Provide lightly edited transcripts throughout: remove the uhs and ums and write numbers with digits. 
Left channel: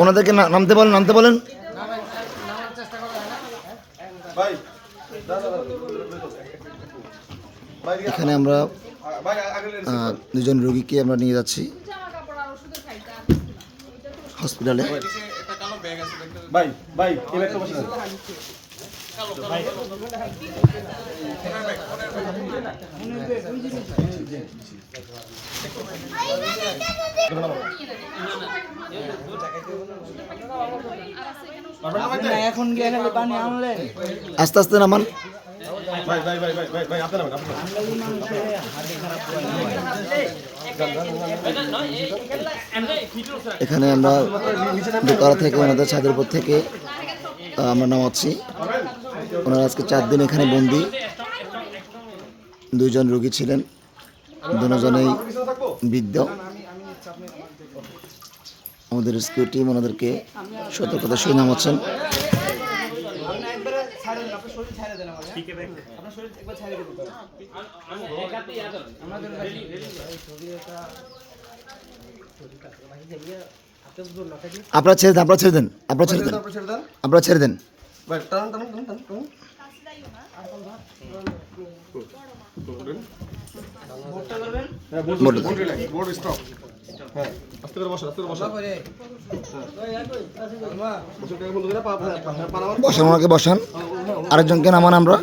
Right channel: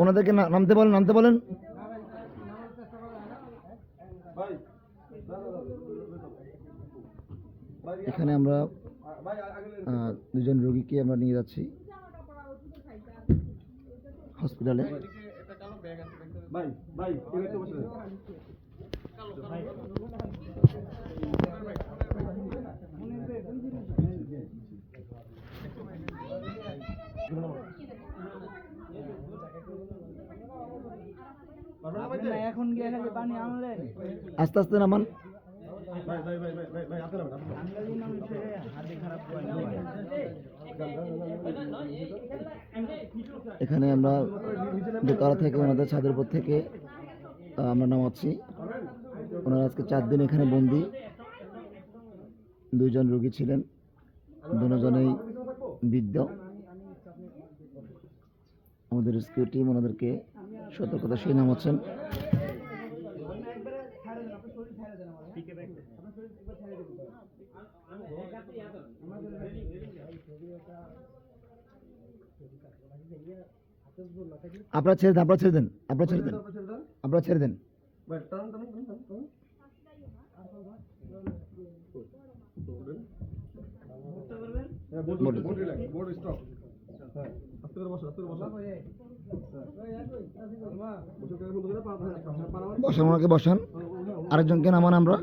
ওনাদেরকে নামতে বলেন। এখানে আমরা দুজন রোগীকে আমরা নিয়ে যাচ্ছি হসপিটালে। আস্তে আস্তে নামান। এখানে আমরা দোকান থেকে ওনাদের ছাদের উপর থেকে আমরা নামাচ্ছি। ওনারা আজকে 4 দিন এখানে বন্দি। 2 জন রোগী ছিলেন, দুজনেই বৃদ্ধ। আমাদের রেস্কিউ টিম ওনাদেরকে সতর্কতার সহিত নামাচ্ছেন। আপনারা ছেড়ে দেন। বসান, ওনাকে বসান, আরেকজনকে নামান। আমরা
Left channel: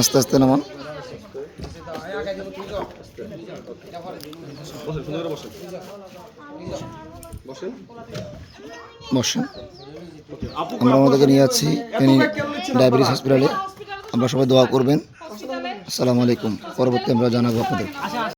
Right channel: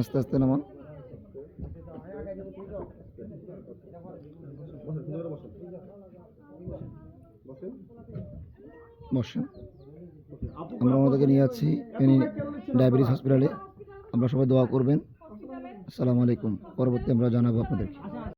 আস্তে আস্তে নামান। বসেন। আমরা আমাদেরকে নিয়ে যাচ্ছি ডায়াবেটিস হসপিটালে। আমরা সবাই দোয়া করবেন। আসসালামু আলাইকুম। পরবর্তী আমরা জানাবো আপনাদের।